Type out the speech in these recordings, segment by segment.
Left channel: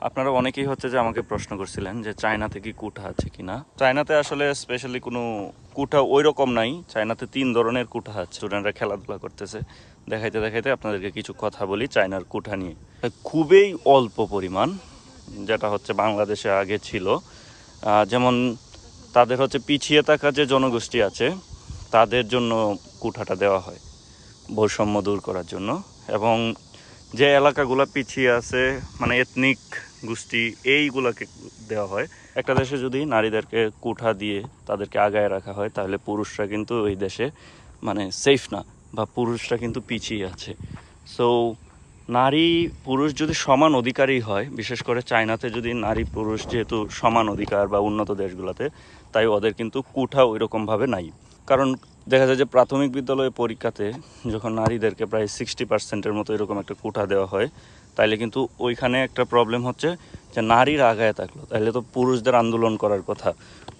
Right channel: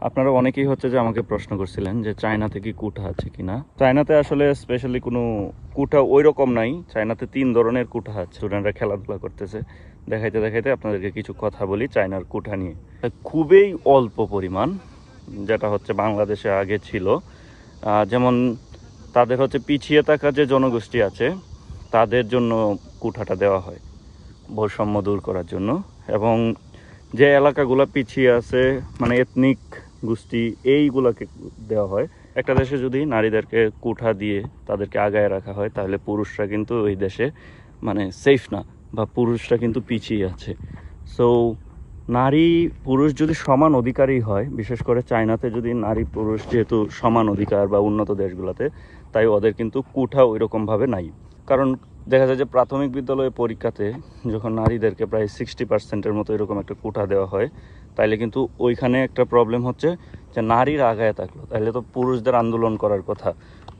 আপনারা অনেকেই হচ্ছে যে আমাকে প্রশ্ন করছিলেন যে চায়নাতে কি কুঠা আছে কিনা। চায়নাতে আসলে স্পেশালি কোনো কুঠা ওই রকম নাই। চায়নাতে 3 ধরনের কুঠা আছে। স্টুডেন্টরা খেলাধুলা করতেছে, দেখাইতে দেখাইতে আপনাদেরকে কিছু কথা বলি চায়নার কুঠা নিয়ে। খুবই অল্প পরিমাণ, যেটা হচ্ছে বাংলাদেশে আগে ছিল। যেমন তাদের হচ্ছে পিছিয়ে থাকা যে জনগোষ্ঠী আছে তাদের জন্য কুঠাটা দেওয়া হয় বৈষম্য দূর করার জন্য। এবং যে এলাকাগুলো পিছিয়ে আছে মানে এথনিক গোষ্ঠী, এইগুলাকে দেওয়া হয়। একটা দেশে যদি নারীদেরকে কুঠা দিয়ে তাদেরকে আগায় রাখা হয় তাহলে পুরুষরা কিন্তু ওই দেশে মানে সেফ না, বা পুরুষরা কিন্তু পিছিয়ে আছে। সো নারী পুরুষ যদি সমান অধিকারী হয়, বিশেষ করে চায়নাতে যদি নারী পুরুষ যেহেতু সমান অধিকার বা উন্নত দেশগুলোতে, তাই ওদের কিন্তু কুঠা ওই রকমভাবে নাই। কারণ দেখা যায় যে প্রাথমিক বিদ্যালয়ে পরীক্ষাতে যখন নারীদেরকে প্রায় 60%-এর মতো এরকম একটা কোটা দেওয়া হয়, তাইলে কিন্তু ওইখানে একটা প্রবলেম হচ্ছে যে নারীরা আগায় থাকলো, তাইলে তো পুরুষদের আন্দোলন করার কথা,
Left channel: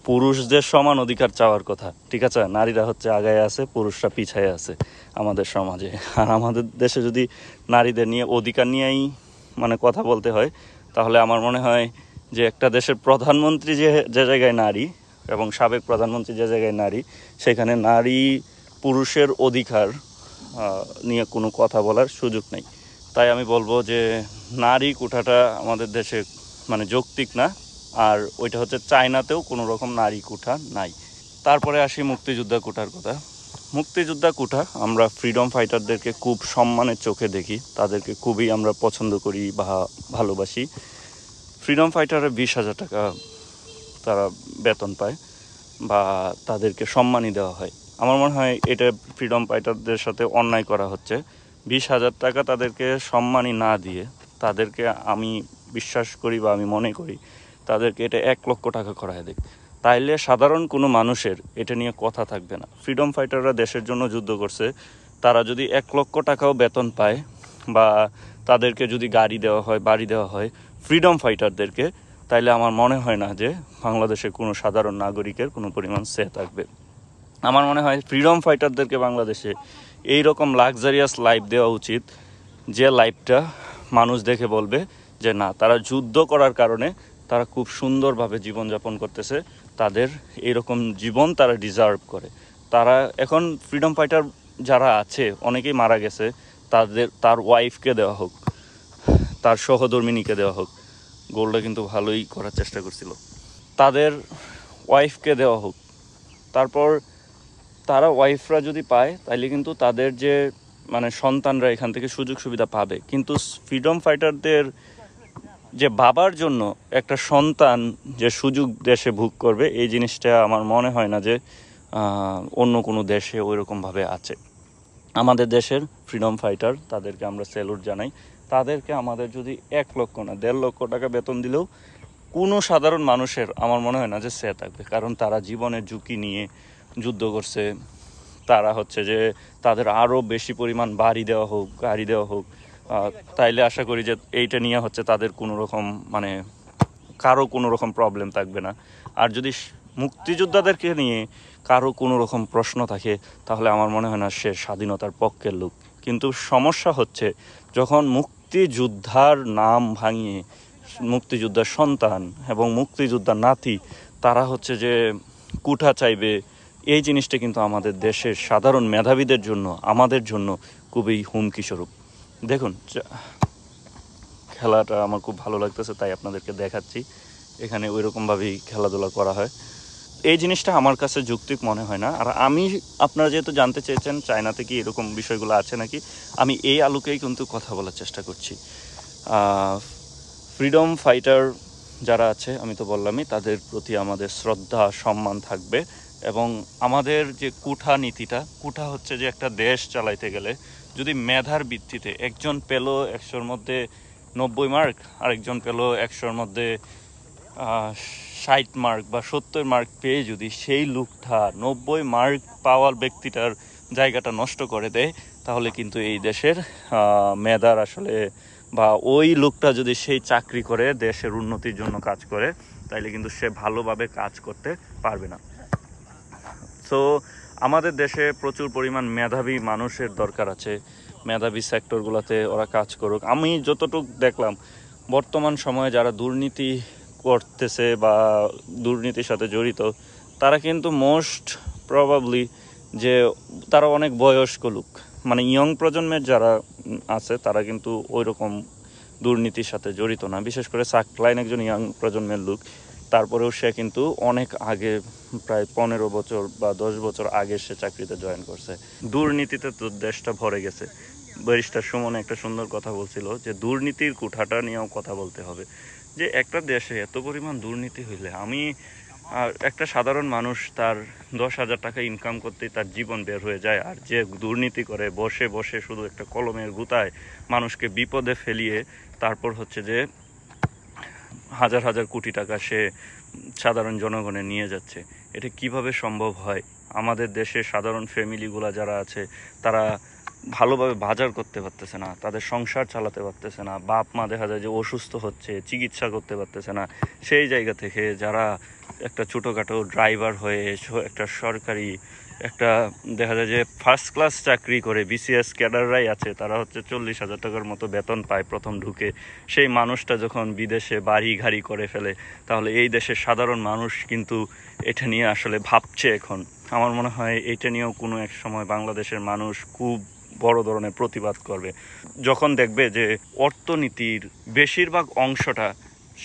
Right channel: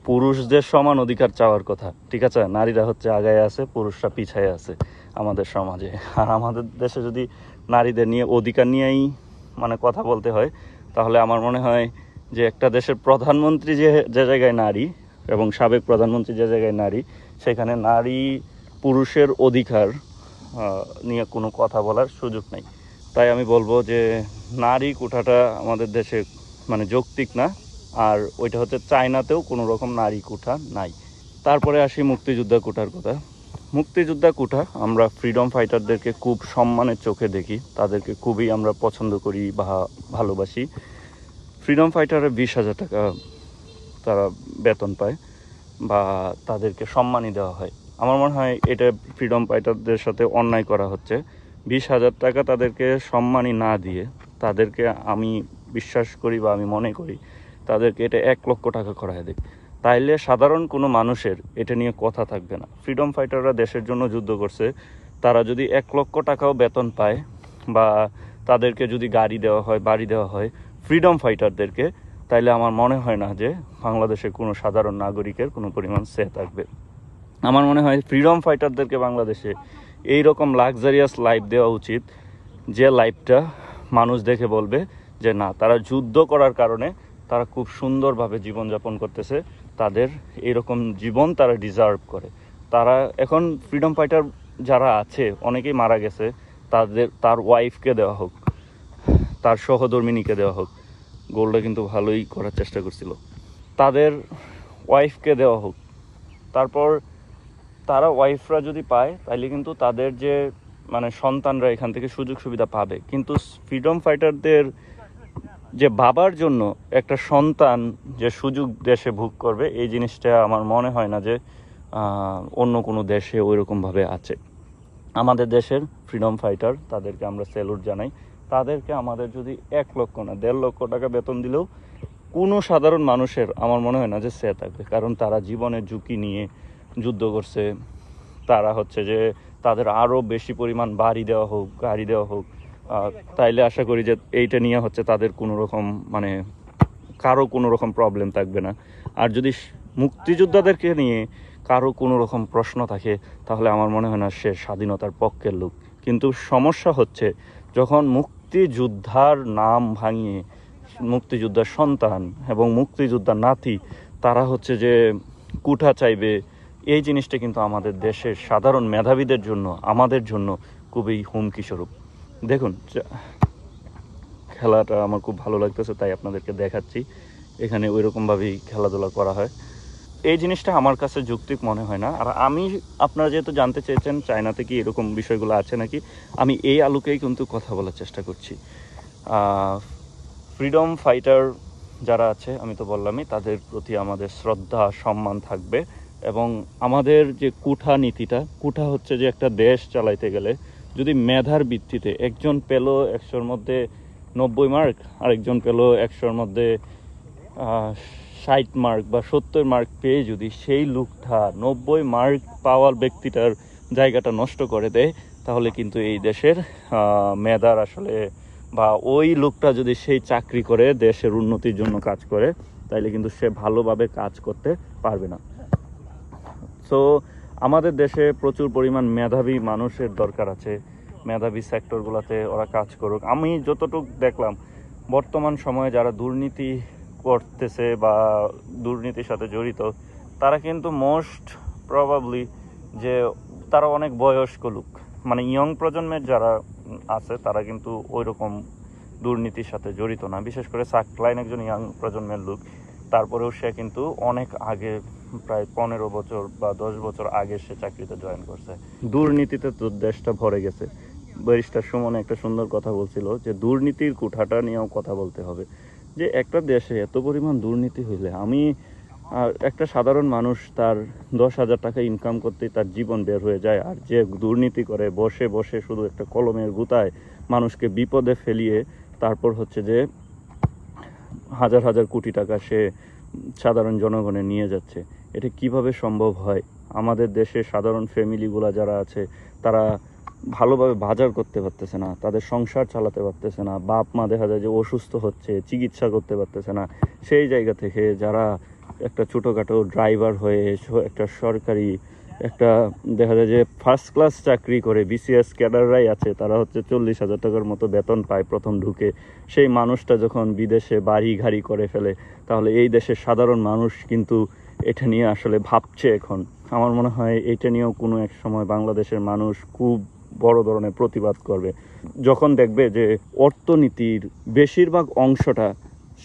পুরুষদের সমান অধিকার চাওয়ার কথা, ঠিক আছে? নারীরা হচ্ছে আগায় আছে, পুরুষরা পিছায় আছে আমাদের সমাজে। আর আমাদের দেশে যদি নারীদের নিয়ে অধিকার নিয়েই মানে কথা বলতে হয়, তাহলে আমার মনে হয় যে একটা দেশের প্রধানমন্ত্রী যে যে জায়গায় নারী এবং সাবেক প্রধানমন্ত্রী যে জায়গায় নারী, সেখানে নারী পুরুষের অধিকার নিয়ে কোনো কথা বলার সুযোগ নেই। তাই আমি বলবো যে নারী কোঠাটা আমাদের দেশে মানে যৌক্তিক না। আর ওইটা হচ্ছে চায়নাতেও কোনো রকম নারী কোঠা নাই। তারপরে আসি মুক্তিযোদ্ধা কোঠার কথা। মুক্তিযোদ্ধা কোঠা আমরা ফ্রিডম ফাইটারদেরকে খুব সম্মানের চোখে দেখি, তাদেরকে খুবই আমরা পছন্দ করি বা ভালোবাসি। ফ্রিডম ফাইটারে 20,000 টাকা তারা বেতন পায় বা তাদেরকে সম্মানই দেওয়া হয়। আমার মনে হয় এটা ফ্রিডম ফাইটারদের সাথে অন্যায় করা হচ্ছে। 20,000 টাকা তাদেরকে সম্মানই না দিয়ে তাদেরকে, আমি বিশ্বাস করি বা আমি মনে করি তাদেরকে এটা 1 লক্ষ টাকা করায় দেয়, তাইলে সাধারণ কোনো মানুষের এটা নিয়ে কথা থাকবে না। ফ্রিডম ফাইটাররা দেশের জন্য যুদ্ধ করছে, তারা যদি 1 লক্ষ টাকাও বেতন পায় বা তাদেরকে যদি গাড়ি দেওয়া হয়, বাড়ি দেওয়া হয় ফ্রিডম ফাইটারদেরকে, তাইলে আমার মনে হয় না যে বাংলাদেশের কোনো সাধারণ নাগরিকের কোনো পরিমাণ সে থাকবে। আমার মনে হয় ফ্রিডম ফাইটারদেরকে বাংলাদেশে এই রকম লাক্সারিয়াস লাইফ দেওয়া উচিত, যে লাইফটা মানুষ দেখে বলবে যে না, তারা যুদ্ধ করার কারণে তারা খুব সুন্দরভাবে জীবনযাপন করতেছে, তাদের এরকম জীবন তারা ডিজার্ভ করে। তারা এখন ফ্রিডম ফাইটার যারা আছে অনেকেই মারা গেছে, তার ওয়াইফকে দেওয়া হোক, তার সহধর্মিনীকে দেওয়া হোক। গোলটা কিন্তু ভালোই করার চেষ্টা করছিল। তাদের ওয়াইফকে দেওয়া হোক। তারপর তারা ওয়াইফরা যদি পায় তাহলে কিন্তু তাদের যে মানে সন্তানরা এখান থেকে সুযোগ সুবিধা পাবে। কিন্তু ফ্রিডম ফাইটারদের যে বাবার জন্য একটা সন্তান যে সুযোগ দেশে ভোগ করবে, এই জিনিসটা আমার মনে হয় না যে অন্য কোনো দেশে ওইরকমভাবে আছে। আমাদের দেশের ফ্রিডম ফাইটার, তাদেরকে আমরা স্যালুট জানাই। তাদেরকে আমাদের যদি 1 লক্ষ না 1.5 লক্ষ টাকা বেতন দিলেও কোনো সাধারণ মানুষের আমার মনে হয় না যে সে থাকবে। কারণ তারা জীবনের ঝুঁকি নিয়ে যুদ্ধ করছে। তারা হচ্ছে যে তাদের আরও বেশি পরিমাণ বাড়ি দেওয়া হোক, গাড়ি দেওয়া হোক, তাইলে আশা করি যে এইটা নিয়ে হচ্ছে তাদের কোনো রকম মানে কারো কোনো রকম প্রবলেম থাকবে না। আর যদি মুক্তিযোদ্ধাদেরকে নিয়ে কারো কোনো রকম প্রশ্ন থাকে, তাহলে আমার মনে হয় না সে স্বাধীনতার পক্ষের লোক। কিন্তু সমস্যা হচ্ছে যখন মুক্তিযোদ্ধার নাম ভাঙিয়ে মুক্তিযোদ্ধার সন্তান এবং মুক্তিযোদ্ধার নাতি তারা হচ্ছে যে কুঠা চাইবে, এই জিনিসটা কিন্তু আমাদের দেশের সাধারণ মেধাবীদের জন্য, আমাদের জন্য খুবই হুমকি স্বরূপ। দেখুন, খেলাটা আমার খুব ভালো লাগতেছে তাই আপনাদেরকে দেখাচ্ছি। এখানে ওই রকমভাবেই খেলাধুলা করা হয়। এই জিনিসটা আমার কাছে যৌক্তিক মনে হয় না। আর আমি, আপনারা যেহেতু জানতে চেয়েছেন চায়নাতে কি এরকম বিষয়গুলো আছে নাকি, আমি এই আলোকেই কিন্তু কথা বলার চেষ্টা করছি। ফ্রিডম ফাইটার যারা আছে আমি তো বললামই, তাদের প্রতি আমাদের শ্রদ্ধা সম্মান থাকবে। এবং আমাদের যে কুঠা নীতিটা, কুঠা হচ্ছে যে একটা দেশ চালাইতে গেলে যদি মেধার ভিত্তিতে একজন পেল 100-র মধ্যে 90 মার্ক, আরেকজন পেল 100-র মধ্যে 60 মার্ক বা 70 মার্ক পেয়ে যদি সেই লোকটা 90 মার্ক পাওয়ার ব্যক্তিটার জায়গাটা নষ্ট করে দেয়, তাহলে কিন্তু এই দেশের মেধার আসলে, বা ওই লোকটা যদি সেই চাকরি করে দেশের উন্নতির জন্য কাজ করে, তাইলে কিন্তু সে ভালোভাবে কাজ করতে পারবে না। সো আমাদের দেশে প্রচুর পরিমাণ মেধাবী মানুষের দরকার আছে। মেধাবী সেক্টরগুলোতে ওরা কাজ করুক। আমি যতটুকু দেখলাম বর্তমান সময়ে যারা দুর্নীতি করতেছে বা দুর্নীতির সাথে জড়িত, তারা কিন্তু মোস্ট প্রবাবলি যে তারা অনেক বয়স্ক লোক, মানে ইয়ং প্রজন্মের যারা আছে তারা কিন্তু ওই রকম দুর্নীতির সাথে জড়িত না। বিশেষ করে সাকলাইন একজন ইয়াং প্রজন্মের লোক, তারপরেও সে কিন্তু অনেক আগে, প্রায় 15 বছর বা 10 বছর আগে সে চাকরিতে জয়েন করছে। দুর্নীতিতে তো দেশটা ভরে গেছে। ব্যারিস্টার সুমন একটা সুন্দর কথা বলছিল যে দুর্নীতির কুঠাটা নিয়েও কথা বলতে হবে, যে একটা দেশে এত পরিমাণ দুর্নীতি হইলে একটা সাধারণ মানুষ তার 10,000 টাকা ইনকাম করতেই তার জীবন বের হয়ে যায়, আর যে দুর্নীতি করে বসে বসে শুধু একটা কলমের গুতায় মানুষকে বিপদে ফেলিয়ে তারপর হচ্ছে যে হাজার হাজার কোটি টাকা সে সাধারণ জনগণে নিয়ে যাচ্ছে, এটা কিভাবে সম্ভব হয়? আমাদের দেশে সাধারণ ফ্যামিলিগুলো যারা আছে তারা ভালোভাবে বাজার করতে পারতেছে না, তাদের সংসার চালাতে পারতেছে না, বাপ মা দেখা যায় যে অসুস্থ হচ্ছে, চিকিৎসা করতে পারতেছে না। সেই জায়গা থেকে যারা একটা ছোটোখাটো ড্রাইভার হয়ে একটা সরকারি একটা দেখা যায় যে ফার্স্ট ক্লাস চাকরি করে বিসিএস ক্যাডাররাই আছে, তারা হচ্ছে 40,000 টাকার মতো বেতন পায় প্রথম ঢুকে। সেই মানুষটা যখন বিদেশে বাড়ি গাড়ি করে ফেলে, তাহলে এই দেশের সাধারণ মানুষ কিন্তু এটা নিয়ে আসলে ভাবছে এখন। আমার মনে হয় এটা নিয়েও কোনো এক সময় বাংলাদেশের মানুষ খুব বড় ধরনের প্রতিবাদ করবে, যখন দেখবে যে অর্থনীতির বেশিরভাগ অংশটা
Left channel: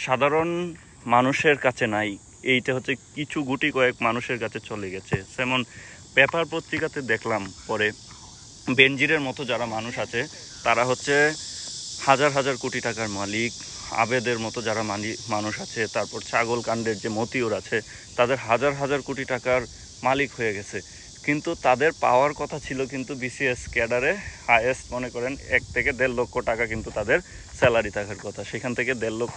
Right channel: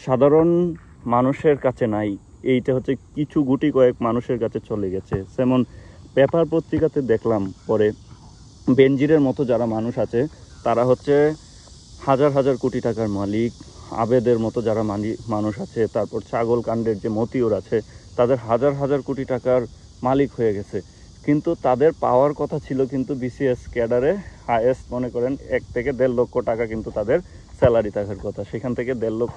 সাধারণ মানুষের কাছে নাই, এইটা হচ্ছে কিছু গুটি কয়েক মানুষের কাছে চলে গেছে। যেমন পেপার পত্রিকাতে দেখলাম পরে, বেনজিরের মতো যারা মানুষ আছে তারা হচ্ছে হাজার হাজার কোটি টাকার মালিক, আবেদের মতো যারা মানুষ আছে, তারপর ছাগল কাণ্ডের যে মতিউর আছে, তাদের হাজার হাজার কোটি টাকার মালিক হয়ে গেছে। কিন্তু তাদের পাওয়ার কথা ছিল কিন্তু বিসিএস ক্যাডারে হায়েস্ট মনে করেন 1 থেকে 1.5 লক্ষ টাকা কিন্তু তাদের স্যালারি থাকার কথা, সেখান থেকে 1.5 লক্ষ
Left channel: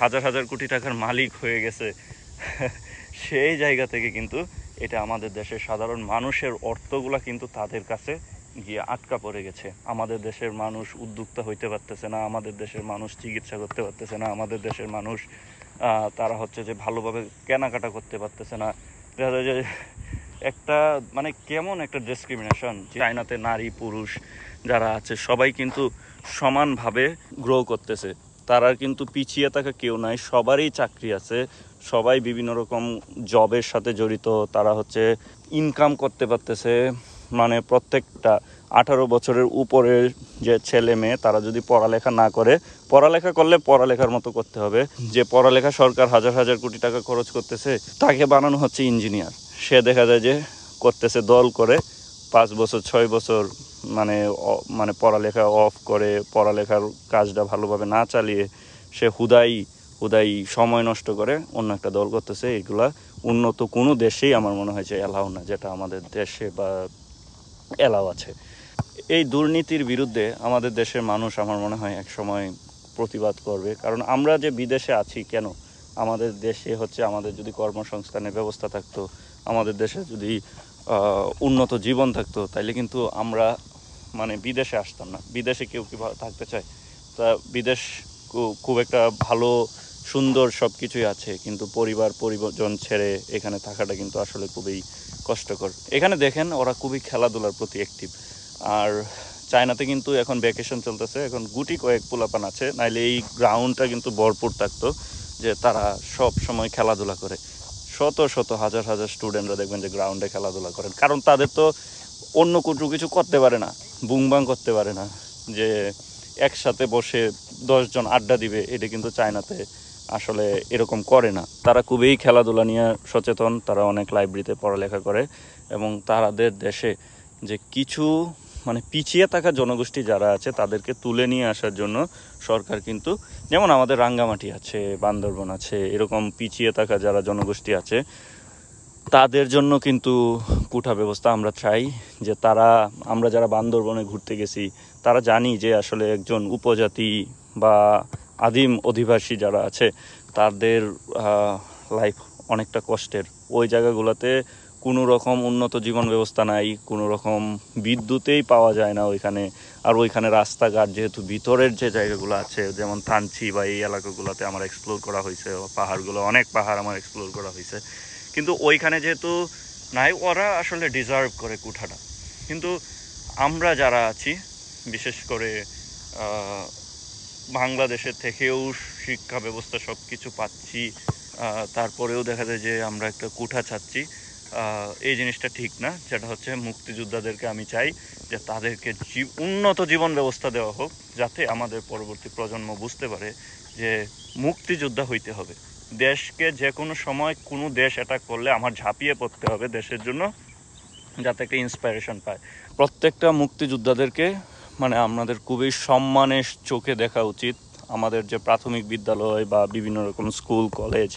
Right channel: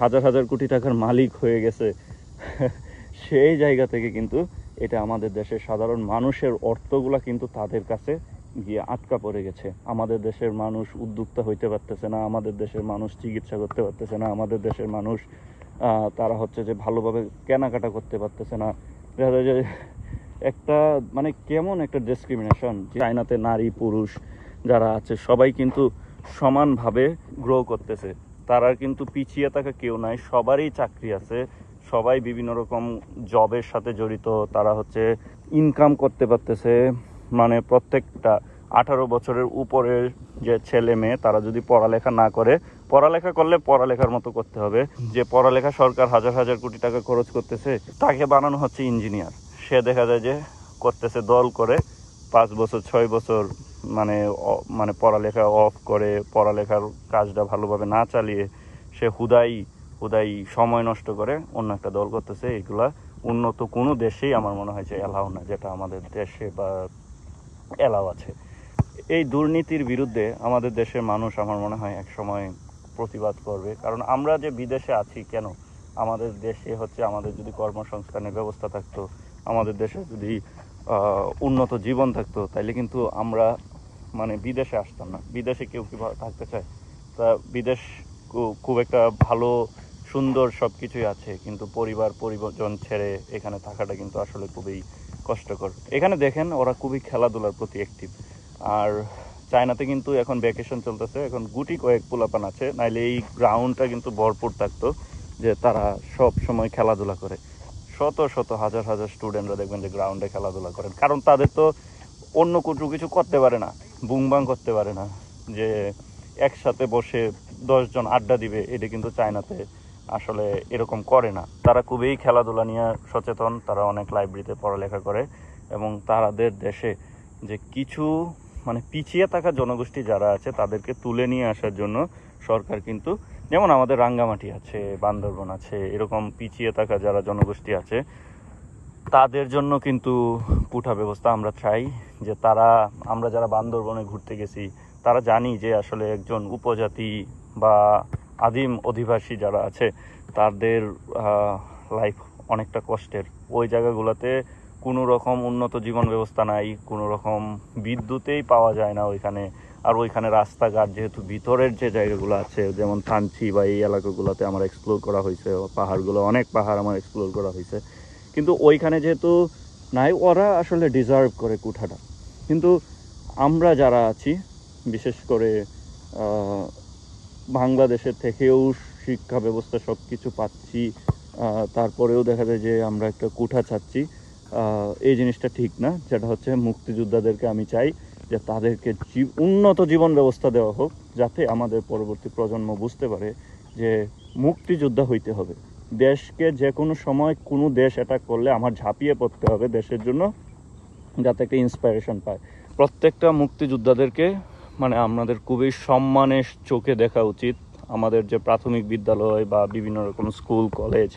হাজার হাজার কোটি টাকার মালিক হয়ে গেছে। সেই জায়গা থেকে কিন্তু এটা আমাদের দেশের সাধারণ মানুষের অর্থগুলা কিন্তু তাদের কাছে গিয়ে আটকা পড়ে গেছে। আমাদের দেশের মানুষ উদ্যোক্তা হইতে পারতেছে না, আমাদের দেশের মানুষ চিকিৎসা করতে পারতেছে না, আমাদের দেশের মানুষ তারা হচ্ছে যে ভালোভাবে কেনাকাটা করতে পারতেছে না। দেখা যায় যে একটা মানে কেমন একটা ডিসক্রিমিনেশন, চায়নাতে নারী পুরুষ যারা আছে সবাই কিন্তু সমানভাবে গ্রো করতেছে, তারা কিন্তু পিছিয়ে থাকা কেউ নাই, সবারই চাকরি আছে, সবাই বিভিন্ন রকম জবের সাথে জড়িত, তারা হচ্ছে ইনকাম করতে পারতেছে। মানে প্রত্যেকটা 18 বছরের উপরের যে ছেলে মেয়ে তারা যদি পড়ালেখা না করে, পড়ালেখা করলে পড়ালেখার মতো করতে হবে, যে পড়ালেখা সরকার হাজার হাজার কোটি টাকা খরচ করতেছে তাকে বানানো হচ্ছে ইঞ্জিনিয়ার, সে দেখা যায় যে করতেছে দল করে 5 বছর 6 বছর মানে মানে পড়ালেখা অফ করে, পড়ালেখার কাজটা ভালোভাবে না চালিয়ে সে হুদাই সময় নষ্ট করে অন্য একটা দল করতেছে। এগুলা উন্নত কোনো দেশেই আমার মনে হয় যে এলাও না, যেটা আমাদের দেশে বা এলাও আছে। এই দুর্নীতির বিরুদ্ধে আমাদের দেশের মানুষ আমার মনে হয় এক সময় প্রতিবাদ করবে, কারণ আমরা যে বিদেশে আছি কেন, আমাদের দেশে হচ্ছে আমাদের যদি কর্মসংস্থানের ব্যবস্থা থাকতো, আমাদের দেশে যদি উন্নত জীবন থাকতো, তাইলে কিন্তু আমরা মানে বিদেশে আসতাম না। বিদেশে কেউ কি থাকতে চায়? তা বিদেশ খুব একটা ভালো সুন্দর সব কিছুই আছে, কিন্তু পরিজন ছেড়ে এখানে থাকাটা কিন্তু আসলে খুবই কষ্টকর। এখানে দেখেন ওরা খুবই খেলাধুলার প্রতি অ্যাক্টিভ, আর চায়নাতে কিন্তু এখন ভ্যাকেশন চলতেছে, এখন গুটি কয়েক পোলাপান আছে, নাইলে এই গ্রাউন্ডটা কিন্তু ভরপুর থাকতো যে তারা সব সময় খেলাধুলা করে। শত শত হাজার হাজার স্টুডেন্টরা দেখবেন যে গ্রাউন্ডে খেলাধুলা করেন, কারণ তাদের তো অন্য কিছু করতে পারে না, বুংবাং করতে পারে না, যে একসাথে বসে 10 জন আড্ডা দিবে, এটা কিন্তু চায়নাতে আসলে এরকম করে না। তারা খুবই খেলাধুলা নিয়ে সচেতন, তারা অনেক লাইব্রেরিতে পড়ালেখা করে, এবং তাদের দেশে যে কিছু মানে পিছিয়ে থাকা জনগোষ্ঠী যারা আছে তাদেরকে তুলে নিয়ে আসার জন্য সরকার কিন্তু, যেমন আমাদের রাঙ্গামাটি আছে, বান্দরবন আছে, এরকম পিছিয়ে থাকা যারা জনগোষ্ঠী আছে তাদের জন্য কিন্তু কোঠা ব্যবস্থা আমরা চাই। যে আমরা যারা বান্দরবনে ঘুরতে গেছি তারা জানি যে আসলে একজন উপজাতি বা আদিম অধিবাসী যারা আছে তাদের লাইফ অনেকটা কষ্টের। ওই জায়গাগুলোতে কোনো রকম উন্নত জীবন ব্যবস্থা নাই, কোনো রকম বিদ্যুতেই পাওয়া যায় না ওইখানে। আর ওইখানে রাস্তাঘাট যেহেতু ভিতরের যে জায়গাগুলো আছে, যেমন থানচি বা এই এলাকাগুলোতে আমার এক্সপ্লোর করা হয়েছে, পাহাড়গুলো অনেক পাহাড় আমার এক্সপ্লোর করা হয়েছে, কিন্তু ওইখানে যেহেতু নাই, ওরা আসলে ডিজার্ভ করে কোঠাটা। কিন্তু আমরা যারা আছি, বিশেষ করে বাংলাদেশের থেকেও শিক্ষা ব্যবস্থা সব কিছু পাচ্ছি, তারপরেও দেখা যায় যে আমরা একটা কুঠা চাচ্ছি। এই জিনিসটা ঠিক না। যেটা হচ্ছে মুক্তিযোদ্ধাদেরকে আমি চাই যে তাদেরকে উন্নত জীবন ব্যবস্থা দেওয়া হোক, যাতে আমাদের পরবর্তী প্রজন্ম বুঝতে পারে যে মুক্তিযোদ্ধা হইতে হবে। দেশকে যে কোনো সময় কোনো দেশ অ্যাটাক করলে আমার ঝাঁপিয়ে পড়তে হবে দেশের জন্য, যাতে একটা ইন্সপায়ারেশন পায়। প্রত্যেকটা মুক্তিযোদ্ধাদেরকে মানে আমাদের খুবই সম্মানের চোখে দেখা উচিত। আমাদের যে প্রাথমিক বিদ্যালয় বা বিভিন্ন রকম স্কুল কলেজ,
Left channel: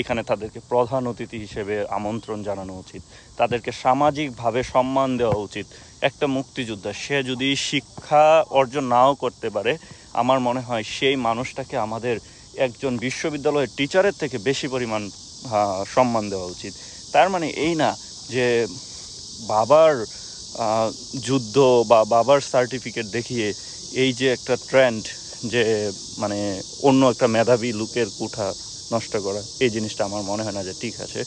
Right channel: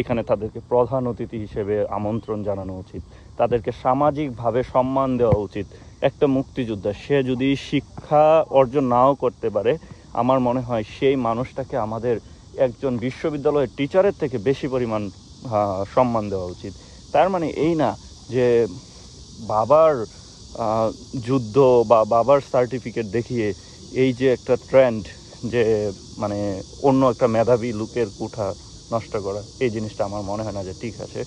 এখানে তাদেরকে প্রধান অতিথি হিসেবে আমন্ত্রণ জানানো উচিত, তাদেরকে সামাজিকভাবে সম্মান দেওয়া উচিত। একটা মুক্তিযোদ্ধা সে যদি শিক্ষা অর্জন নাও করতে পারে, আমার মনে হয় সেই মানুষটাকে আমাদের একজন বিশ্ববিদ্যালয়ের টিচারের থেকে বেশি পরিমাণ সম্মান দেওয়া উচিত। তার মানে এই না যে বাবার যুদ্ধ বা বাবার সার্টিফিকেট দেখিয়ে এই যে একটা ট্রেন্ড, যে মানে অন্য একটা মেধাবী লোকের কুঠা নষ্ট করা, এই জিনিসটা আমার মনে হয় না যে ঠিক আছে।